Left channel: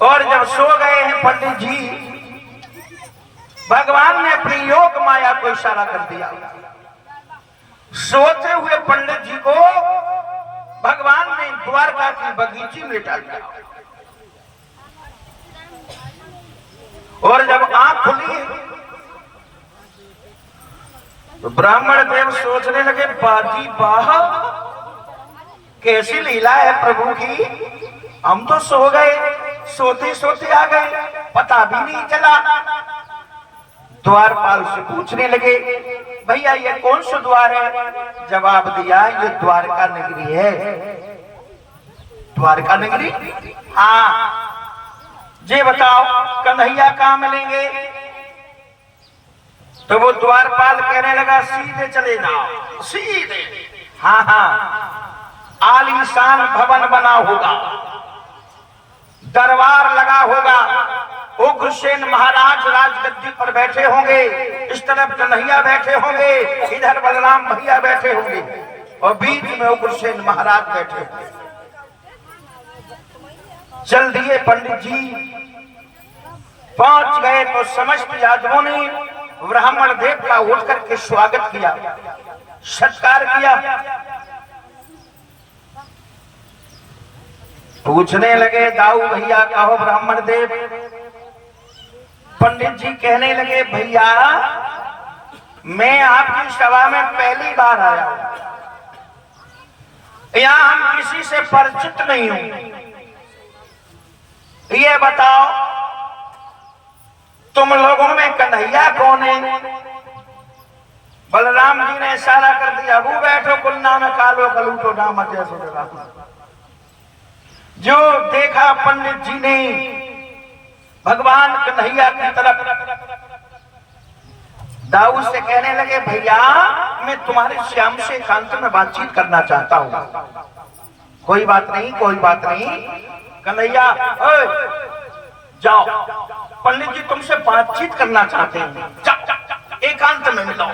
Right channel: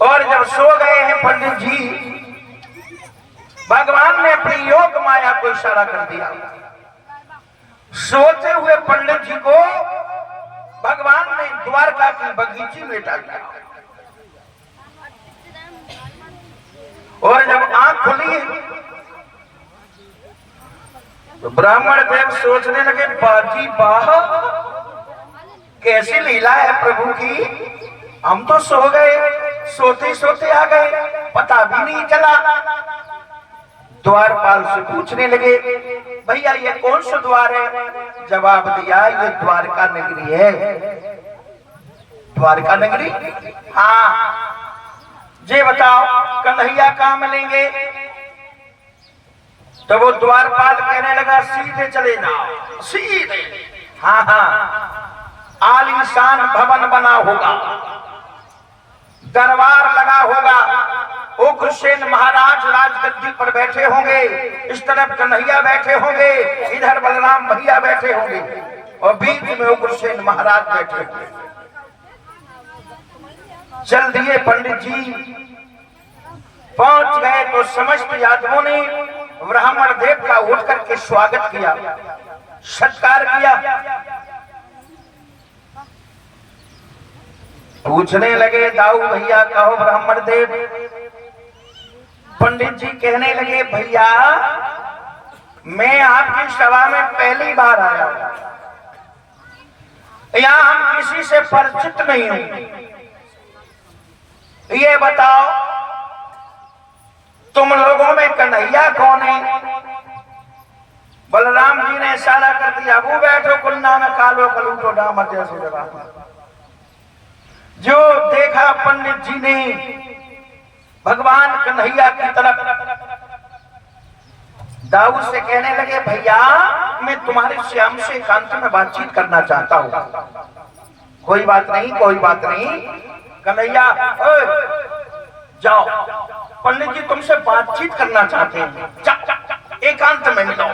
और जब सो गए हैं पंडित जी, भगवान ने अपनी योग माया को इशारा कर दिया। सोते हुए पंडित जी को भगवान ने द्वारका की बगीचे में डाल दिया। और जब आंख खुली तो ब्राह्मण देव सोचने लगे, बाजी वाह, कैसी लीला है प्रभु की। हम तो सो गए, सोते सोते आ गए, पता भी नहीं चला। द्वारपाल से पूछने लगे, भैया ये कौन सा द्वार है? जवाब दिया, ये द्वारका नगरी है। द्वारका नगरी? हाँ। जी बताओ, कन्हैया कहाँ मिलेंगे? तो वो द्वारपाल कहने लगा, सीधे चले जाओ, सीधे। हाँ हाँ, आलीशान भवन बना होगा, दरबार लगा होगा, उग्रसेन महाराज राजगद्दी पर बैठे होंगे, इस तरफ कन्हैया बैठे होंगे, इधर बलराम भैया बैठे होंगे, और बीच में उग्रसेन महाराज बैठे होंगे। चल दिए पंडित जी, पहुंच गए तो समस्त यादवों ने ब्राह्मण देव का उठ करके स्वागत किया, सत्कार किया। पूछने लगे, दाऊ भैया कहो ब्राह्मण देव। पंडित जी कहने लगे, भैया मैं आपकी सभा में पहली बार आया हूं, या हम किसी से परिचित नहीं हैं। ये बताओ तुम लोगों में कन्हैया कौन है? बलराम जी ने इशारा कर दिया, वो बैठो कुन्ना में कालो कलूटो डाम जैसे डरा। जो देखा पंडित जी ने भगवान कन्हैया की तरफ, दाऊ से कहने लगे, भैया मैं तुम्हारे श्याम से एकांत में बातचीत करना चाहता हूं। कोई बात नहीं, कोई बात नहीं। कन्हैया जाओ, पंडित जी तुमसे बातचीत करना चाहते हैं, एकांत में मिलो।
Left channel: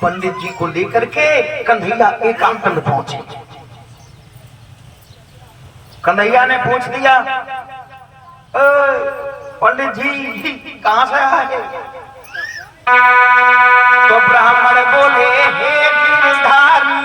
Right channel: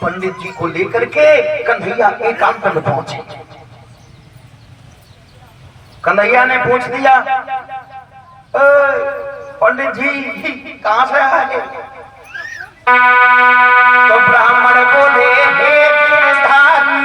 पंडित जी को लेकर के कन्हैया एकांत में पहुंचे। कन्हैया ने पूछ दिया, पंडित जी कहां से आए? तो ब्राह्मण बोले, हे गिरधारी,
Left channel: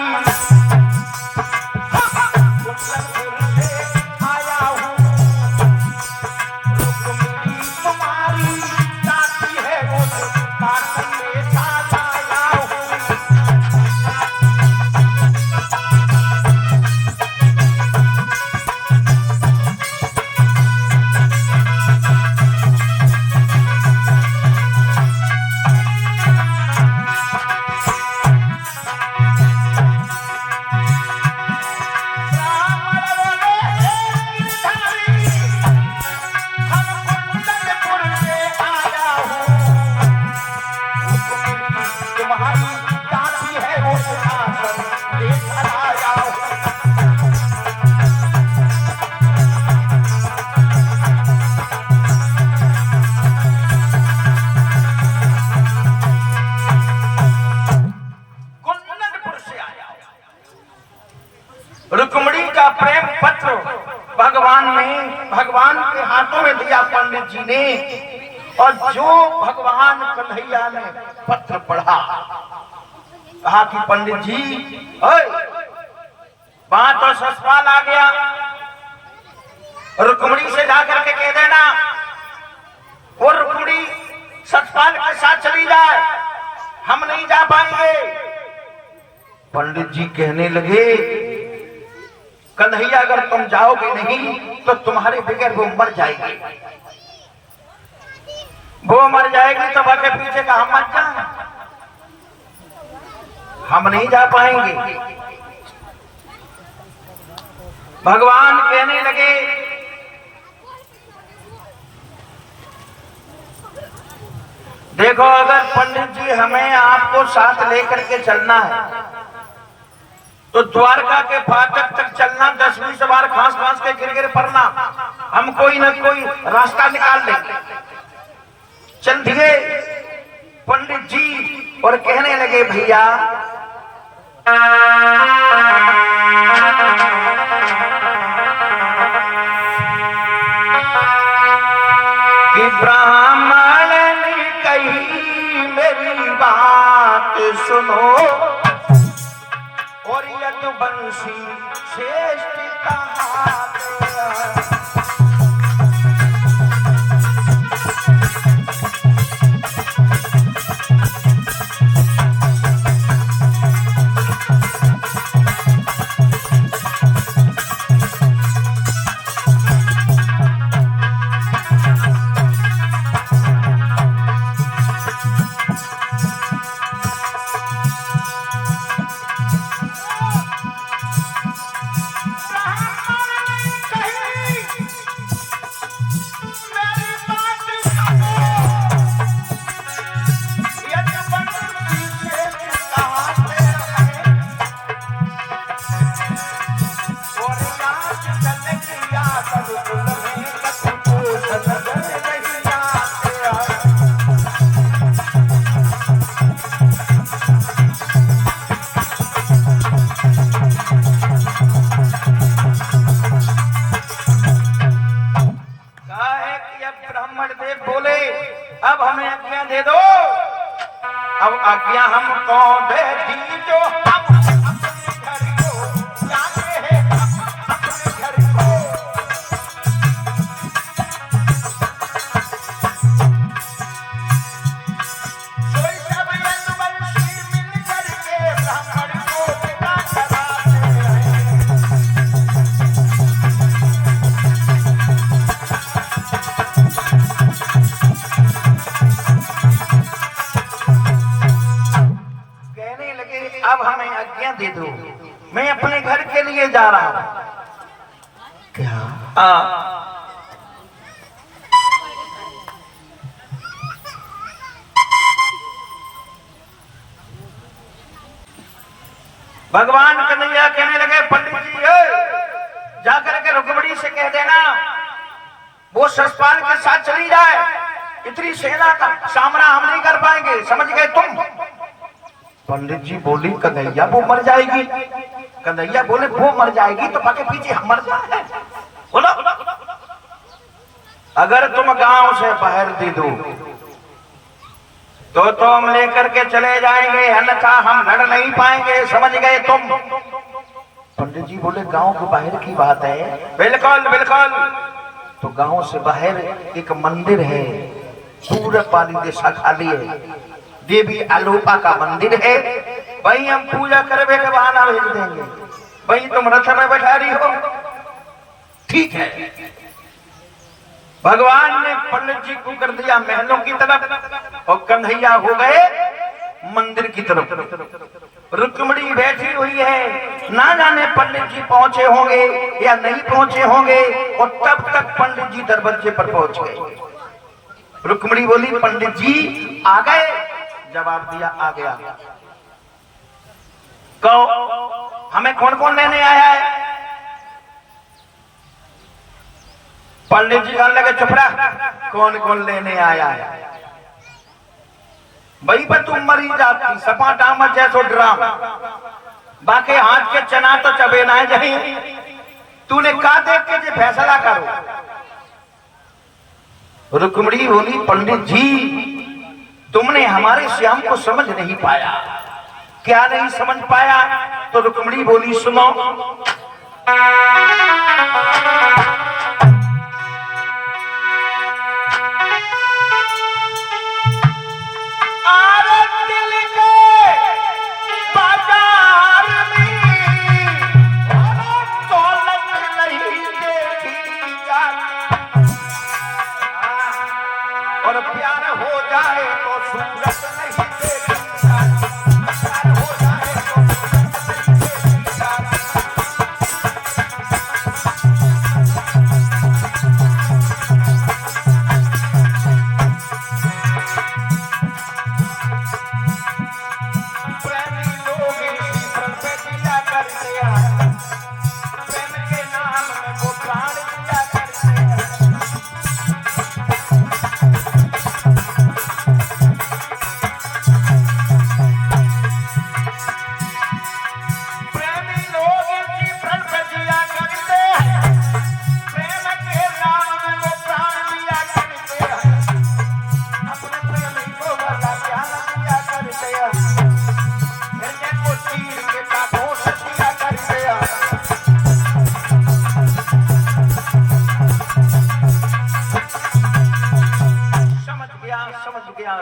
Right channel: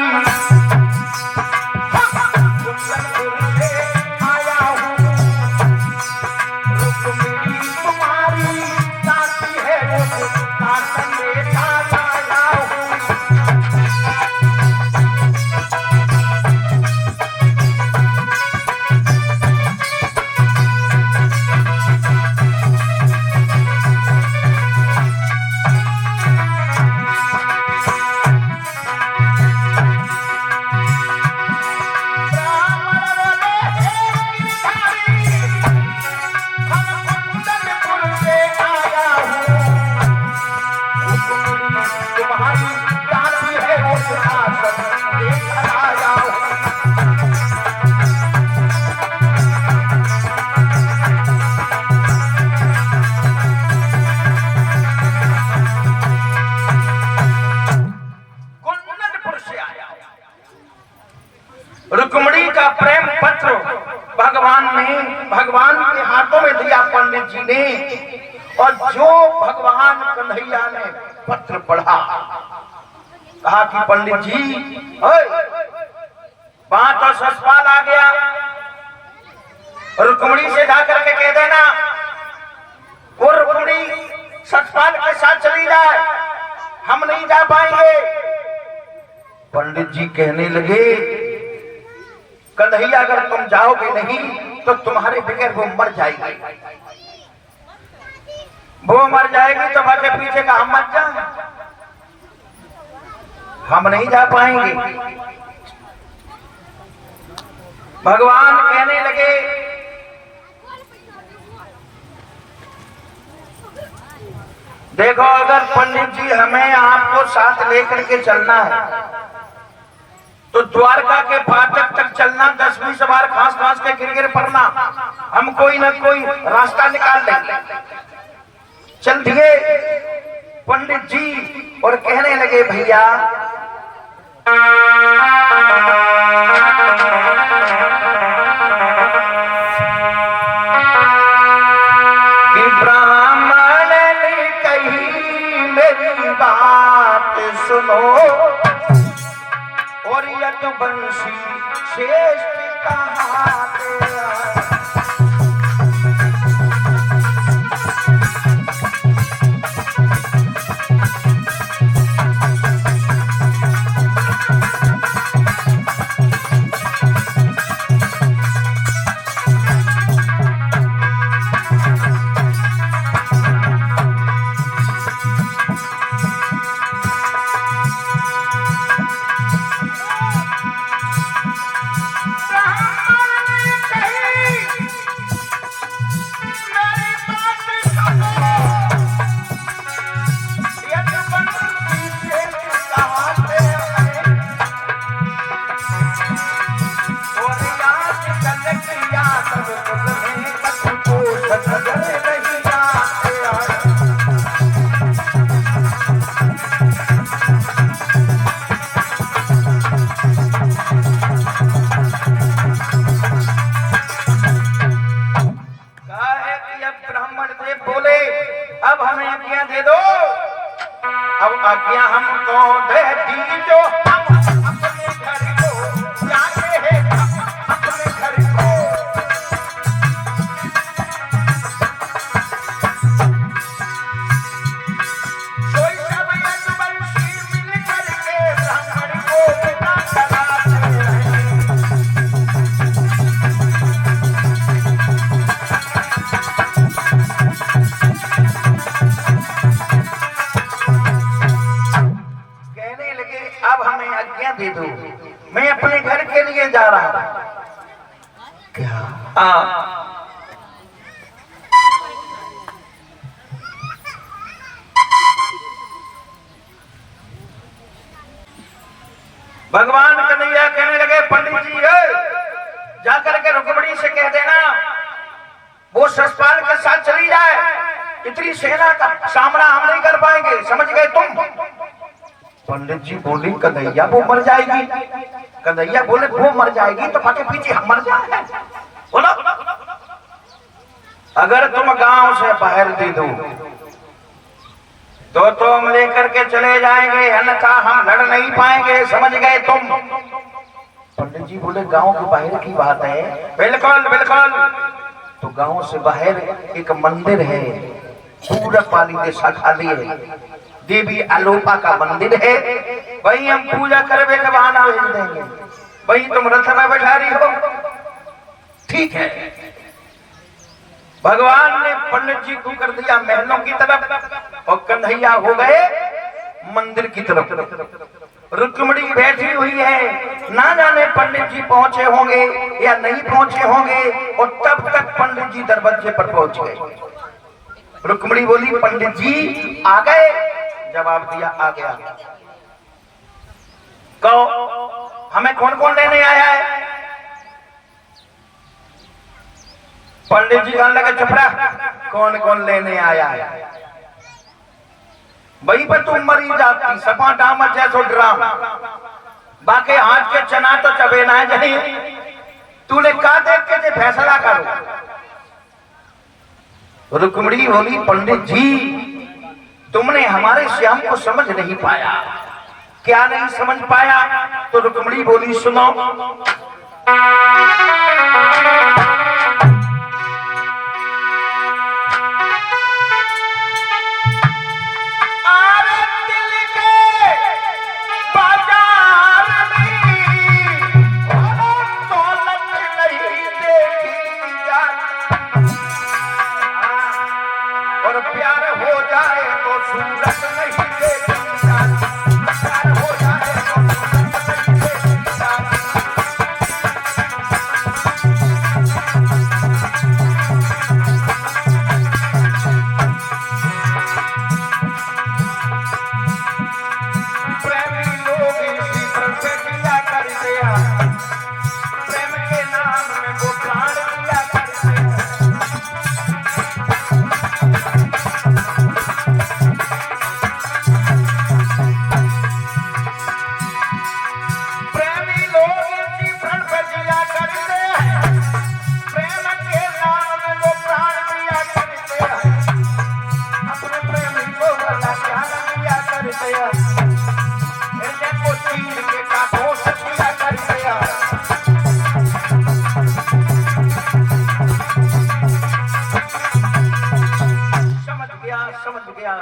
रुक्मिणी का प्रेम पत्र भगवान के हाथों में दिया पंडित जी ने। और जो भगवान कन्हैया ने पत्र पढ़ा, कहा कि पंडित जी बात और ससुराल आ गया, रुक्मिणी से जाकर के कह देना वो रुक्मिणी ससुराल के साथ चली जाए, हम नहीं जा पाएंगे। पंडित जी कहने लगे, कन्हैया अगर तुम जाओगे नहीं तो तुम्हारे बगैर वो मर जाएगी। वो मर जाएगी तो आगे पीछे का हम मर जाएंगे, हम नहीं जा पाएंगे। भगवान कहने लगे, देखो अगर पंडित जी हमें आपको साथ लेकर के चलना है तो द्वारका के फाटक तक चलना, 10-20 बार घास घास के गिर पड़ना, हम कोई ना कोई रास्ता निकाल लेंगे। चल दिए पंडित जी और कहने लगे, भैया कि ब्राह्मण ने कही मेरी बात सुनो, और यदुवंशी श्रेष्ठ कहाते हैं। आज्ञा हमको दे दीजो, अपने घर को जाते हैं, अपने घर को। कोई सब यदुवंशी मिल करके ब्राह्मण को पिता कराते हैं। अब हमें आज्ञा दे दो, मैं अपने घर के लिए जा रहा हूं। क्या भगवान कन्हैया कहने लगे, पंडित जी जाकर के रुक्मिणी से कह देना वो ससपाल के साथ चली जाए, इतनी सेना का सामना हम नहीं कर पाएंगे, समझ गए तुम? पंडित जी बोली कन्हैया वो मर जाएगी। कन्हैया बोले वो मर जाएगी तो बाकी पीछे हम मर जाए। बोलो अगर तुम गांव से बाहर दे दो तो तुम लेकर के चले जाएंगे, अन्यथा हम लड़ नहीं पाएंगे, समझ गए तुम? पंडित जी बोले गांव के बाहर की बात है। बिल्कुल बिल्कुल। तो गांव से बाहर एक मंदिर है, पूरब वाली दिशा खाली है, देवी आलोपा का मंदिर है, वही हम पूजा करने का बहाना भेज देंगे, वही तुम रथ में बैठा रही हो। ठीक है। भगवान ने पंडित जी को कर दिया महलों की तरफ और कन्हैया हो गए मंदिर की तरफ। रुक्मिणी बैठी हुई है, ना जाने पंडित जी पहुंचे होंगे या नहीं पहुंचे होंगे, और तब तक पंडित जी दरवाजे पर पहुंच गए। रुक्मिणी बोली पंडित जी आ गए? जवाब दिया आ गया। कहो हमें कौन कौन लेने आया है? पंडित जी कहने लगे चुप रहा, कौन कौन लेने आया है? वही पर तुम मरी जाती सपा डाम जैसो ड्राम, बाकी हाथ के चना तो चबे ना जाए। तूने कहा देख के जे फैसला करो। रुक्मिणी बोली पंडित जी तुमने हमारे श्याम को समझ नहीं पाया। क्या नहीं समझ पाया? तो रुक्मिणी बोली सुनो, और प्यार हो जाए तो सूरत नहीं देखी जाती, प्यार हो जाए तो प्रेमी लोग इसी पर किया करते हैं, प्रेम के नाम में वो प्राण दिया करते हैं।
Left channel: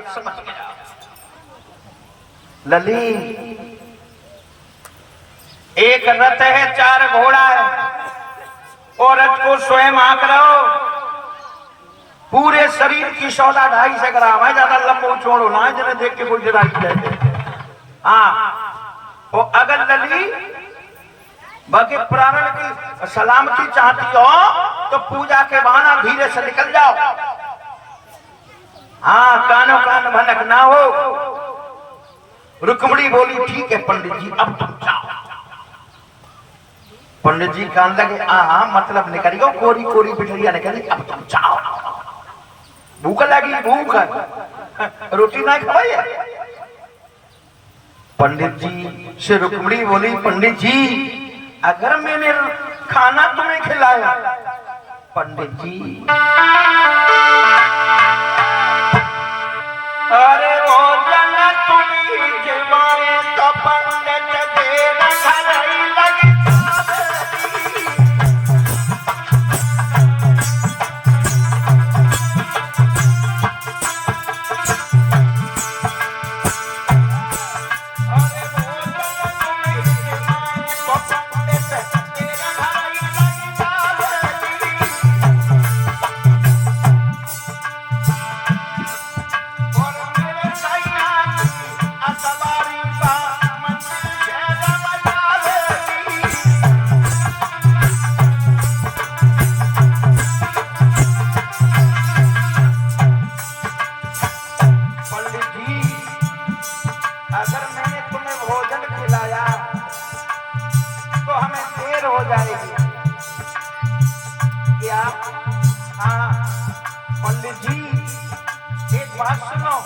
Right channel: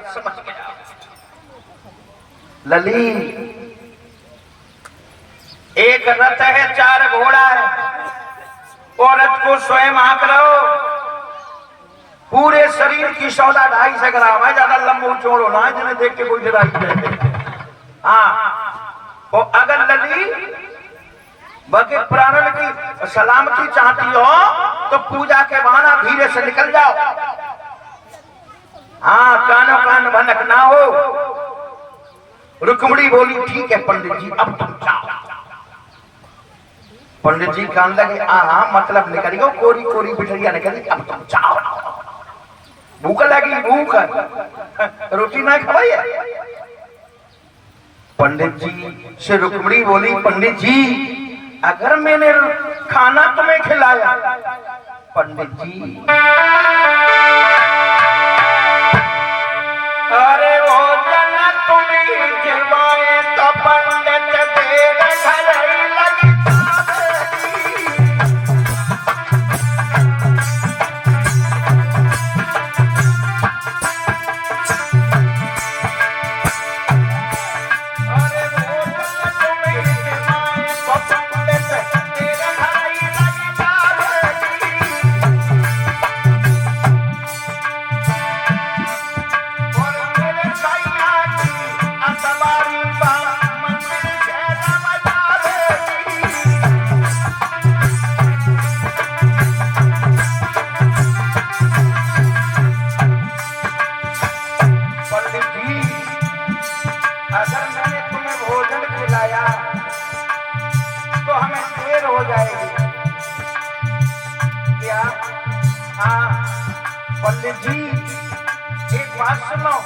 समझ गया। लली, एक रथ है, 4 घोड़ा है, और रथ को स्वयं हाँक रहो, पूरे शरीर की 1.5 ग्राम है, ज्यादा लंबो चौड़ो ना है, जिन्हें देख के कोई डराई रहते। हाँ, और अगर लली बाकी प्राण की सलामती चाहती हो तो पूजा के बहाना धीरे से निकल जाओ। हाँ, कानो कान भनक ना हो। रुक्मणी बोली ठीक है पंडित जी, अब तुम जाओ। पंडित जी कान लगे, मतलब निकलियो, कोरी कोरी बिठरिया निकली, अब तुम जाओ। भूख लगी, भूख रोटी नहीं खवाई है। पंडित जी से रुक्मणी बोली, पंडित जी अगर मैंने खाना तुम्हें खिलाया, पंडित जी अरे भोजन तुम्हें जिवाए तो पंडित तेरा भलाई लगता जी। एक बात सुनो,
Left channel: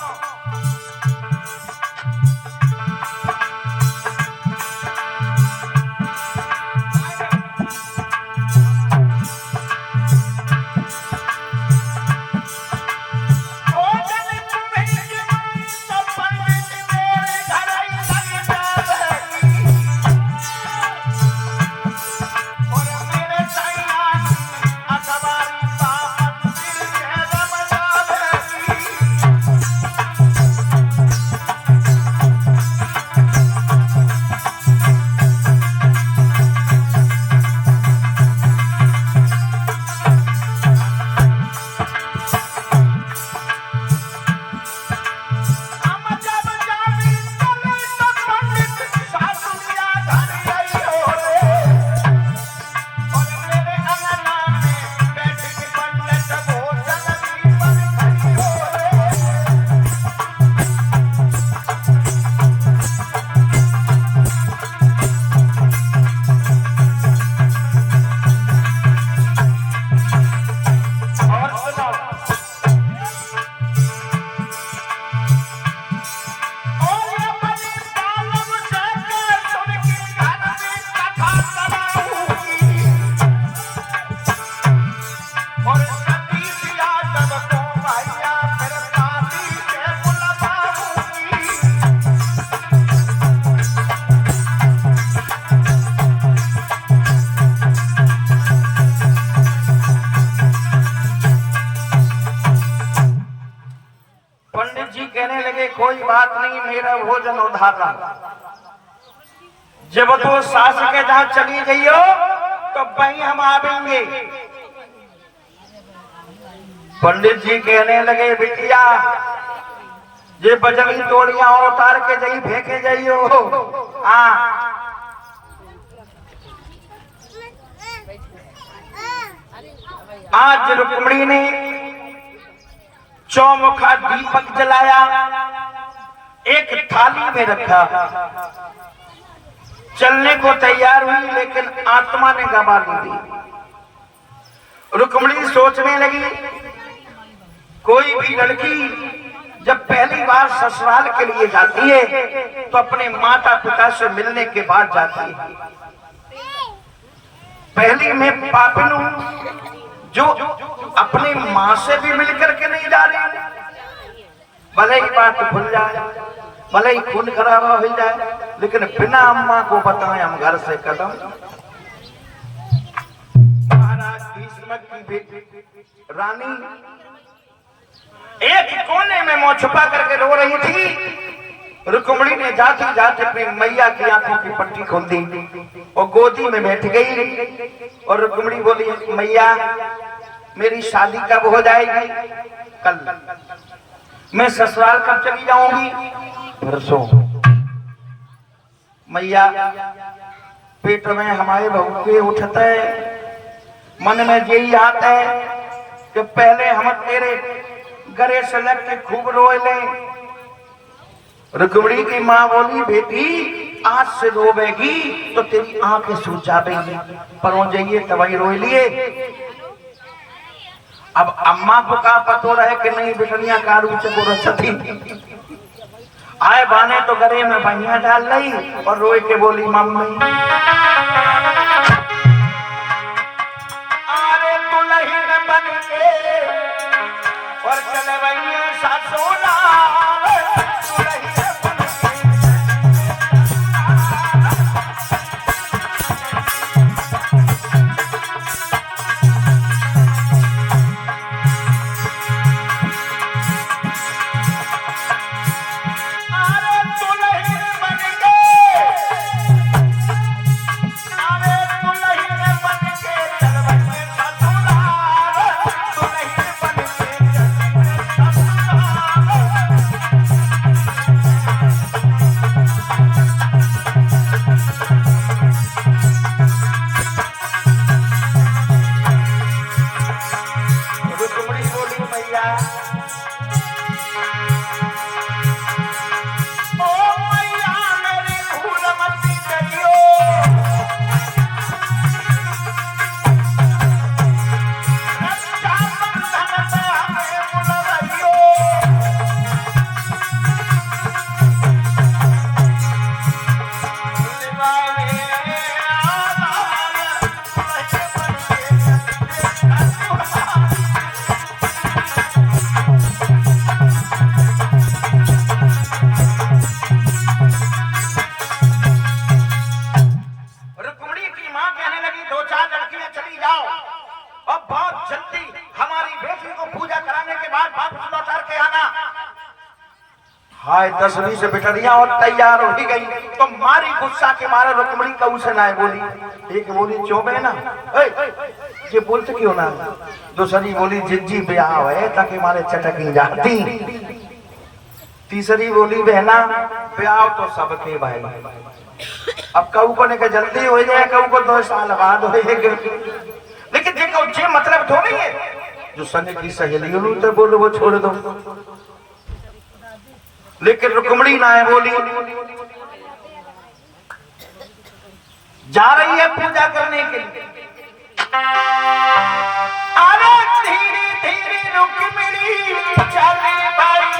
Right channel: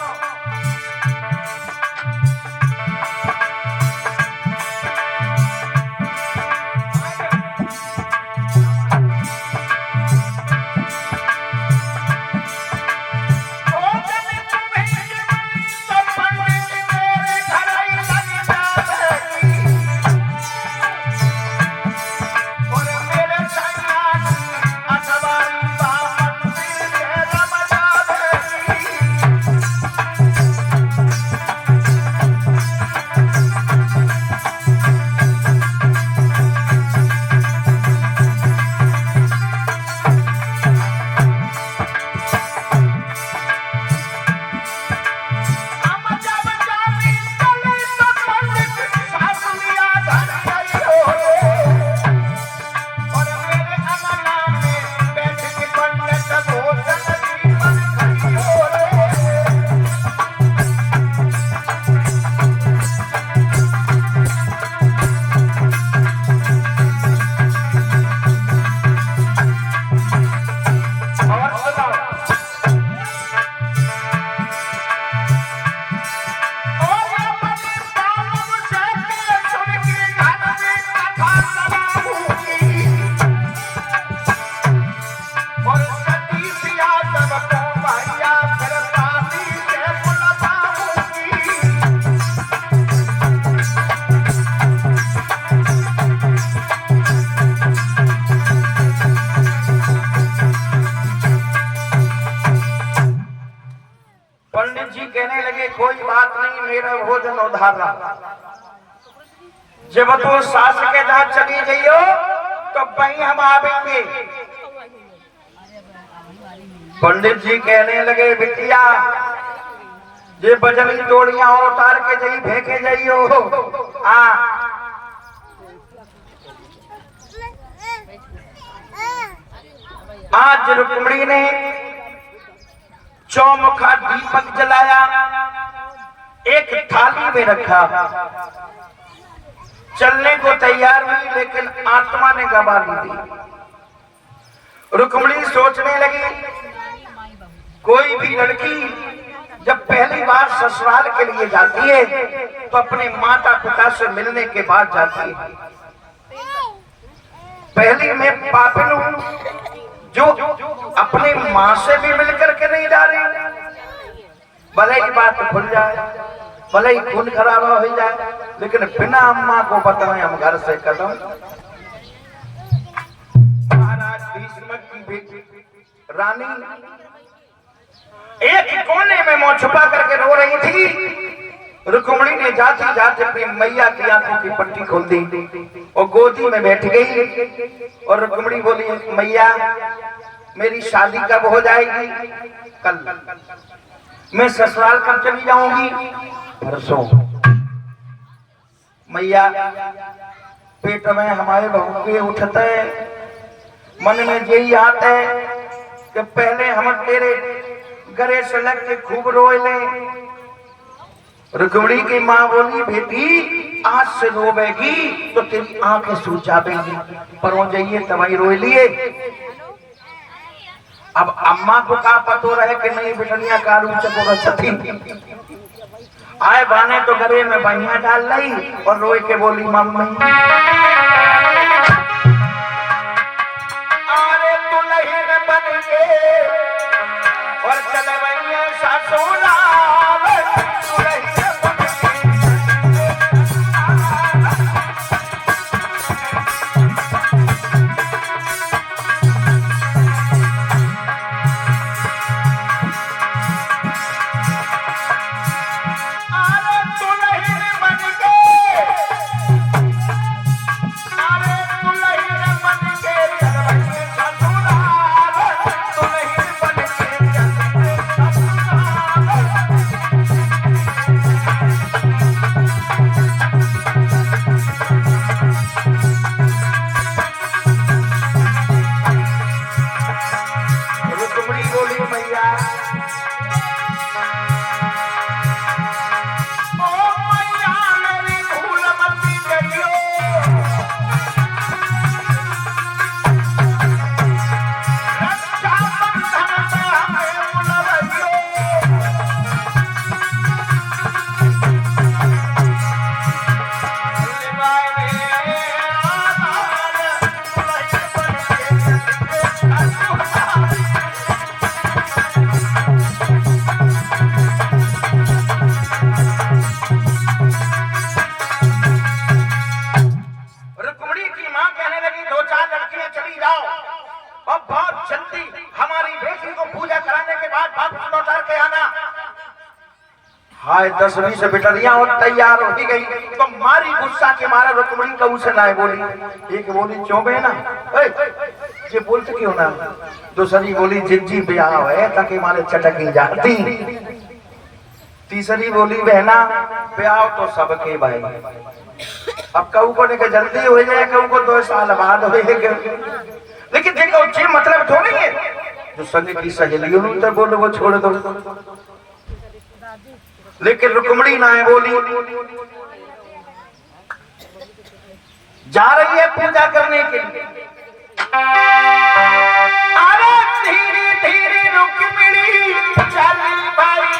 कोई बात नहीं, मेरा भोजन उधारा। जब तो सास के जहाँ चली जाइयो तो वहीं हम आवेंगे। पंडित जी कहने लगे, बिटिया ये बजली डोरियां और उतार के जाई, फेंके जाइयो। आज रुक्मणी ने चौमुखा दीपक जलाया, एक थाली में रखा, चलने को तैयार हुई, लेकिन आत्मा ने गवा ली। रुक्मणी सोचने लगी, कोई भी लड़की जब पहली बार ससुराल के लिए जाती है तो अपने माता पिता से मिलने के बाद जाती है। पहली मैं पापिन हूं जो अपनी माँ से भी मिलकर के नहीं जा रही। भले ही बात खुल जाए, भले ही खून खराब हो जाए, लेकिन बिना अम्मा को बताए हम घर से कदम। महाराज भीष्म की बेटी रानी एक कोने में मुंह छुपा करके रो रही थी। रुक्मिणी ने जाते जाते अपनी मैया की आंखों की पट्टी खोल दी और गोदी में बैठ गई। और रुक्मिणी बोली, मैया मेरी शादी कब हो जाएगी? कल। मैं ससुराल कब चली जाऊंगी? परसों। मैया पेट में हमारे भूखे उठते हैं, मन में यही आता है कि पहले हम तेरे गरे से लग के खूब रोए ले। रुक्मिणी की मां बोली, बेटी आज से रोवेगी तो तेरी आंखें सूज जाएंगी, पर जाइए तभी रोए लिए। अब अम्मा को का पतो रहे कि नहीं बिटड़िया कारू चकोर सती आए बाने तो गरे में बहिया डाल ली और रोए के बोली, मम्मी अरे दुल्हन बन के और चले गई सासुराल। हाय 10-20 बिटरियां और तैयार हो ही गई तो मारी गुस्सा के मारे रुक्मिणी का उसे ना बोली। एक बोली चौबे ना ये बोलते क्यों ना। दूसरी बोली जिज्जी ब्याह है ताकि मारे चटकी जाती। तीसरी बोली बहना ब्याह तो सबके भाई, अब कहू को नहीं जल्दी हो जाए, कहू को 2 साल बाद हो। लेकिन देखो ये मतलब थोड़ी है जो संग की सहेलियों तो बोलो वो छोड़ दो। लेकिन रुक्मिणी ना है बोली, जा रही है पूजा करने के लिए। अरे धीरे धीरे रुक्मिणी चल भाई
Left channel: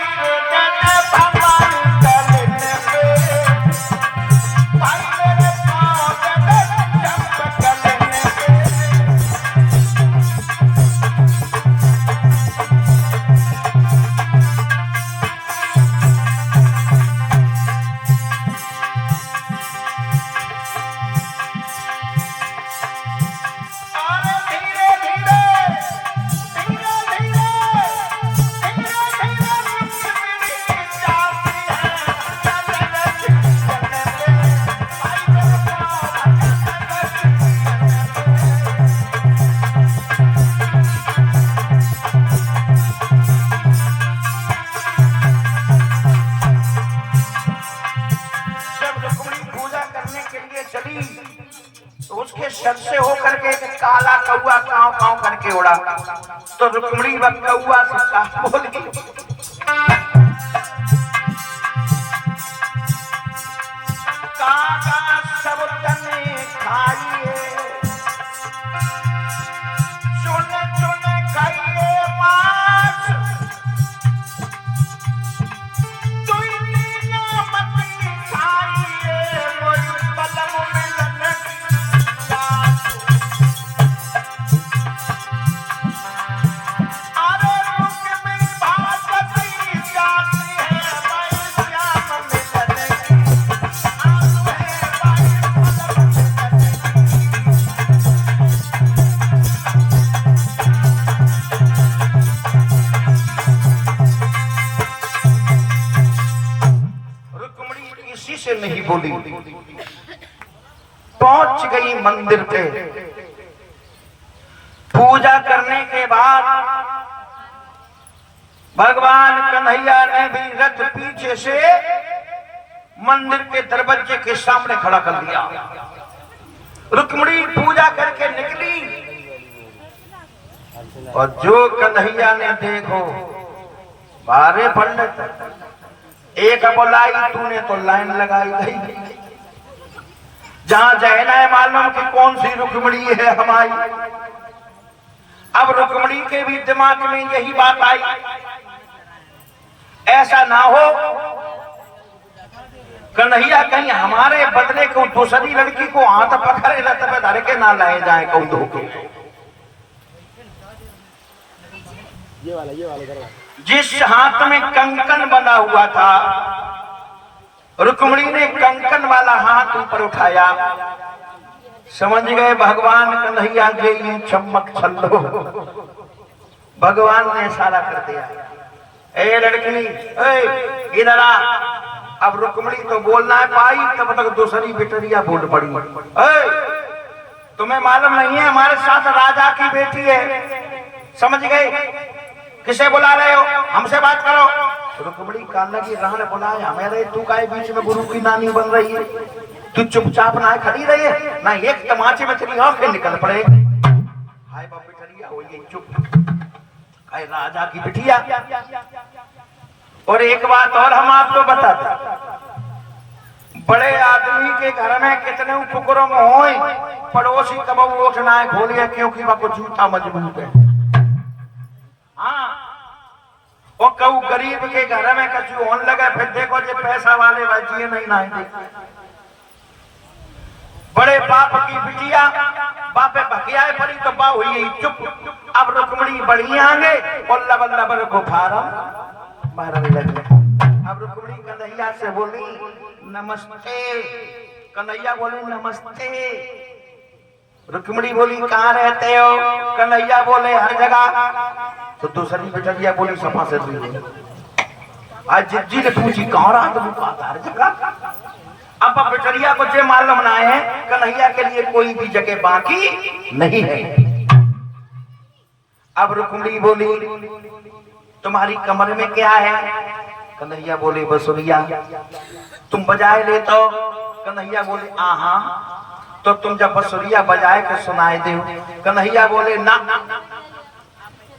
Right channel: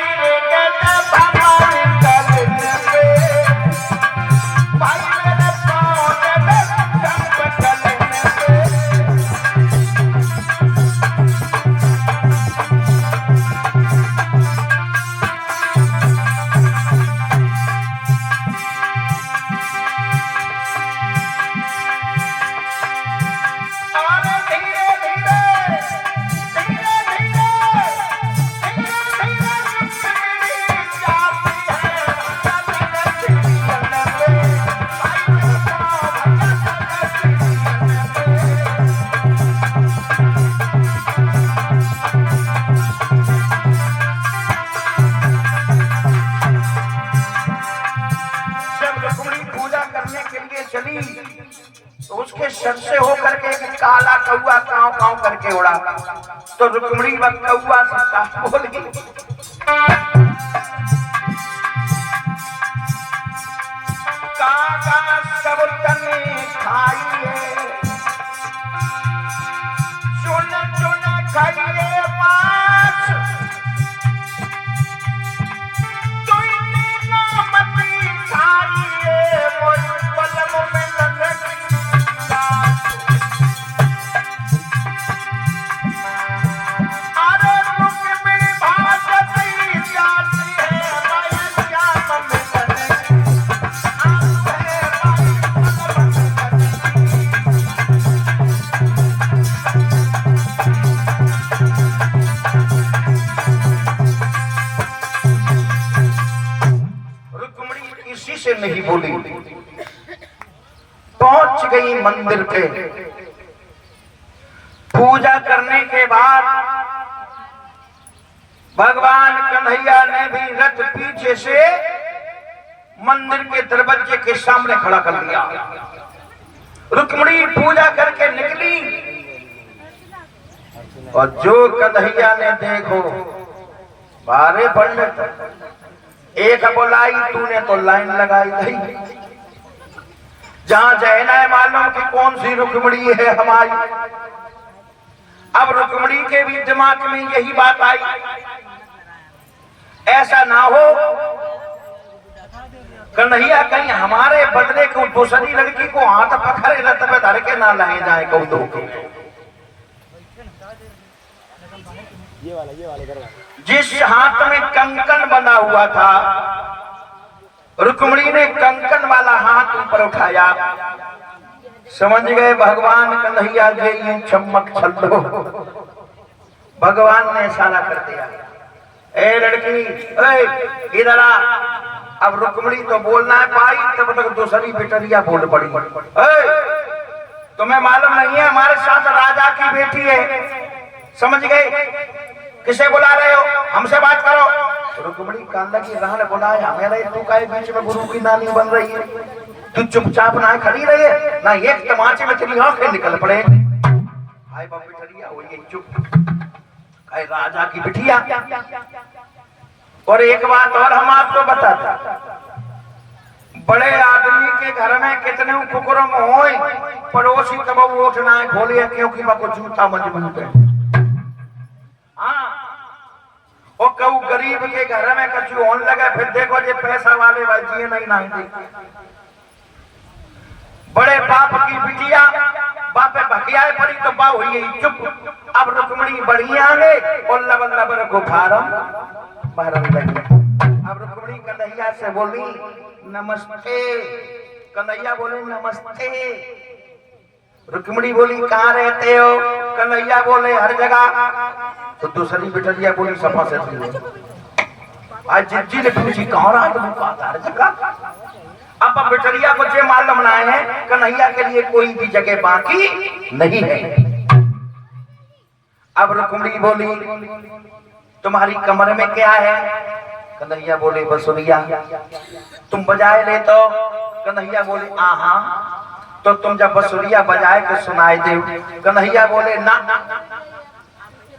उसके सर से होकर के एक काला कौआ काव काव करके उड़ा तो रुक्मिणी कौआ से बोली, काका सब तने खाइए चुन चुन खाइए मांस, तुमने नामती खाइए मोर पलव में लंगट। अरे रुक्मिणी भागती से नहीं बोली। पहुंच गई मंदिर पे। पूजा करने के बाद भगवान कन्हैया ने भी रथ पीछे से मंदिर के दरवाजे के सामने खड़ा कर दिया। रुक्मिणी पूजा करके निकली और जो कन्हैया ने देखो बारे पंडित एक बोलाई, तूने तो लाइन लगाई गई। जहां जहना है मालूम कि कौन सी रुक्मिणी है हमारी। अब रुक्मिणी के भी दिमाग में यही बात आई, ऐसा ना हो कन्हैया कहीं हमारे बदले को दूसरी लड़की को हाथ पकड़े रथ पे धर के ना लाए जाए कौन धोखे। जिस हाथ में कंकन बना हुआ था, रुक्मिणी ने कंकन वाला हाथ ऊपर उठाया। समझ गए भगवान कन्हैया जे ये चमक छल्लो। भगवान ने इशारा कर दिया, ए लड़की इधर आ। अब रुक्मिणी तो बोलना है पाई, तब तक दूसरी बिटरिया बोल पड़ी, तुम्हें मालूम नहीं है हमारे साथ राजा की बेटी है। समझ गए, किसे बुला रहे हो, हमसे बात करो। रुक्मिणी कांदा की राह ने बुलाया, मेरे तू काहे बीच में गुरु की नानी बन रही है। तू चुपचाप ना खड़ी रहे ना, एक तमाचे में तेरी आंखें निकल पड़े। हाय बाप बिटरिया हो ये चुप, हाय राजा की बिटिया। और एक बात और हम आपको बताते, बड़े आदमी के घर में कितने कुकुरम होए, पड़ोसी कब उठना है खोलिए क्योंकि वह को जूता मजबूत है। हाँ, और कहू गरीब के घर में कछु होने लगे, फिर देखो ये पैसा वाले भाई जिए नहीं नाएंगे। बड़े बाप की बिटिया बापे भकिया पड़ी तो बा हुई चुप। अब रुक्मिणी बढ़िया है और लबन लबन गुफारम मारने लगी। अब रुक्मिणी कन्हैया से बोली नमस्ते। कन्हैया बोले नमस्ते। रुक्मिणी बोली कहाँ रहते हो? कन्हैया बोले हर जगह। तो दूसरी बिटरिया बोली सपा से आज जिज्जी ने पूछी कहाँ रहा हर जगह। अब बिटरिया को जो मालूम ना है कन्हैया के लिए कोई भी जगह बाकी नहीं है। अब रुक्मिणी बोली तुम्हारी कमर में क्या है? कन्हैया बोले बसुरिया। तुम बजाए ले तो? कन्हैया बोले आहा। तो तुम जब बसुरिया बजाए के सुनाए दे। कन्हैया बोले ना।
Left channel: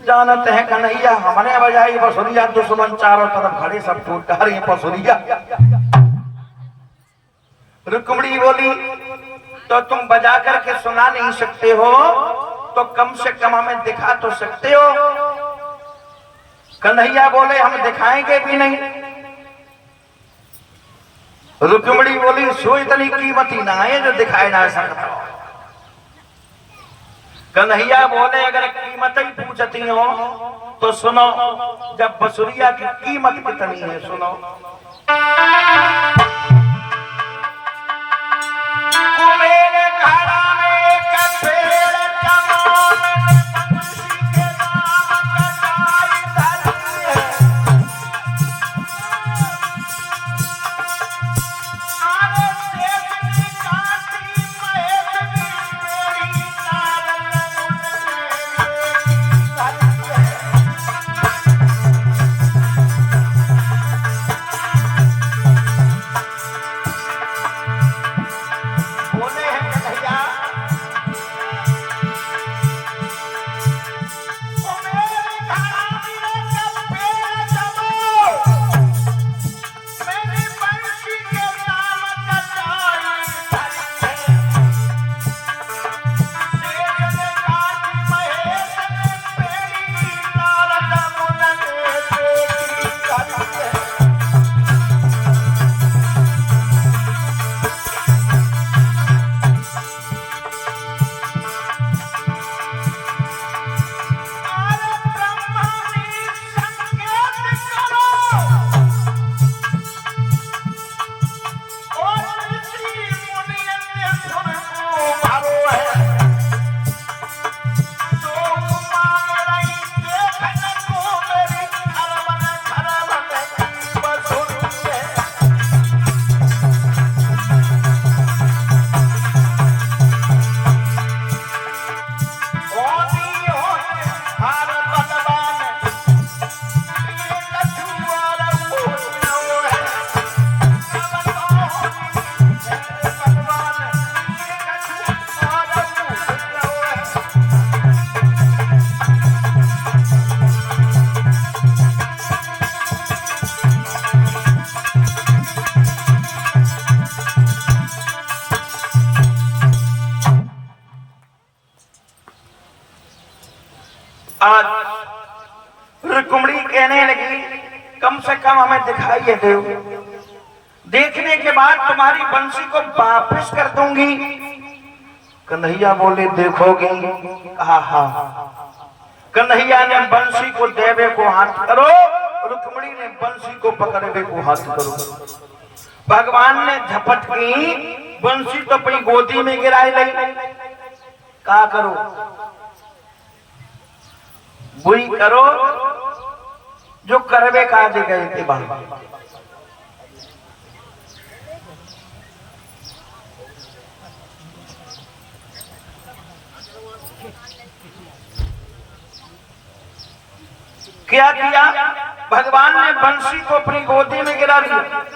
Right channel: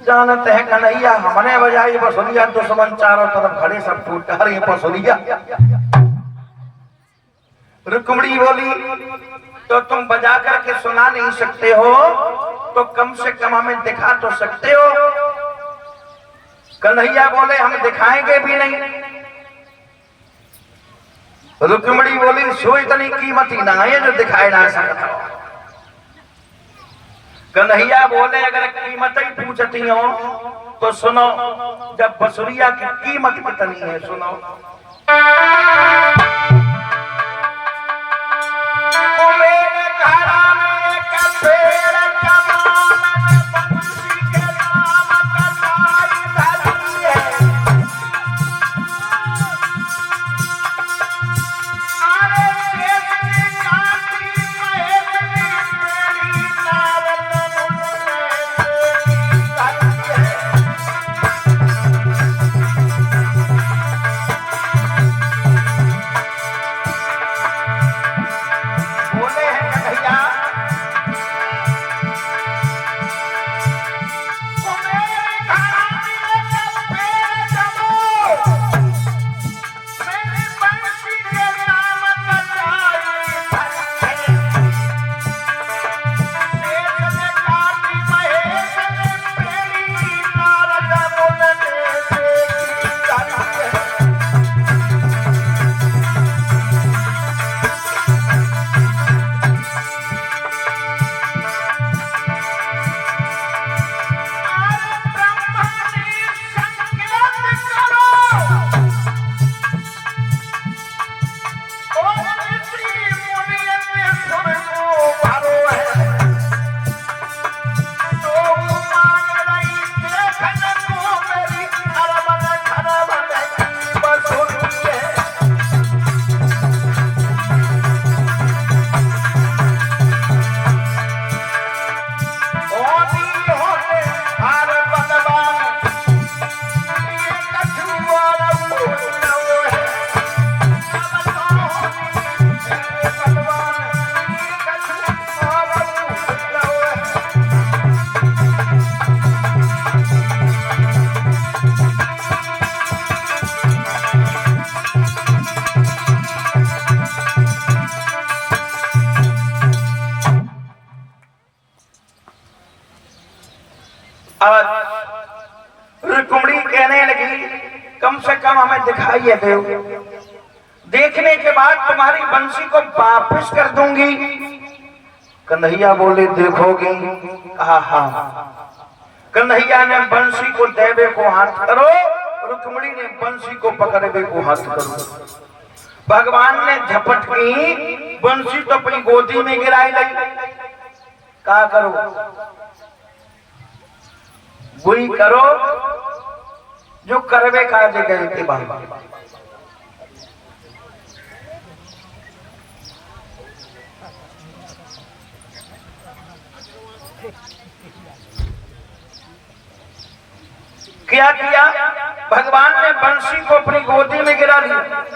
जानते हैं कन्हैया हमने बजाई बसुरिया, दुश्मन चारों तरफ खड़े सब टूट रही बसुरिया। रुक्मिणी बोली तो तुम बजा करके सुना नहीं सकते हो तो कम से कम हमें दिखा तो सकते हो। कन्हैया बोले हम दिखाएंगे भी नहीं। रुक्मिणी बोली सो इतनी कीमती ना है जो दिखाए ना सकता। कन्हैया बोले अगर कीमत ही पूछती हो तो सुनो, जब बसुरिया की कीमत कितनी है सुनो। मेरे घर में एक पेड़ कहने लगी कम से कम हमें दिखाई दे, देखने के बाद तुम्हारी बंसी को वापस कर दूंगी। कन्हैया बोले देखोगी? कहा हाँ। कन्हैया ने बंसी को देवे को हाथ करो, रुक्मिणी ने बंसी को पकड़े को हाथ करो। भगवान ने झपट की बंसी तो अपनी गोदी में गिराई ली। क्या करो? बुरी करो जो करवे काजे गए थे भाई। क्या किया? भगवान ने बंसी को अपनी गोदी में गिरा दिया।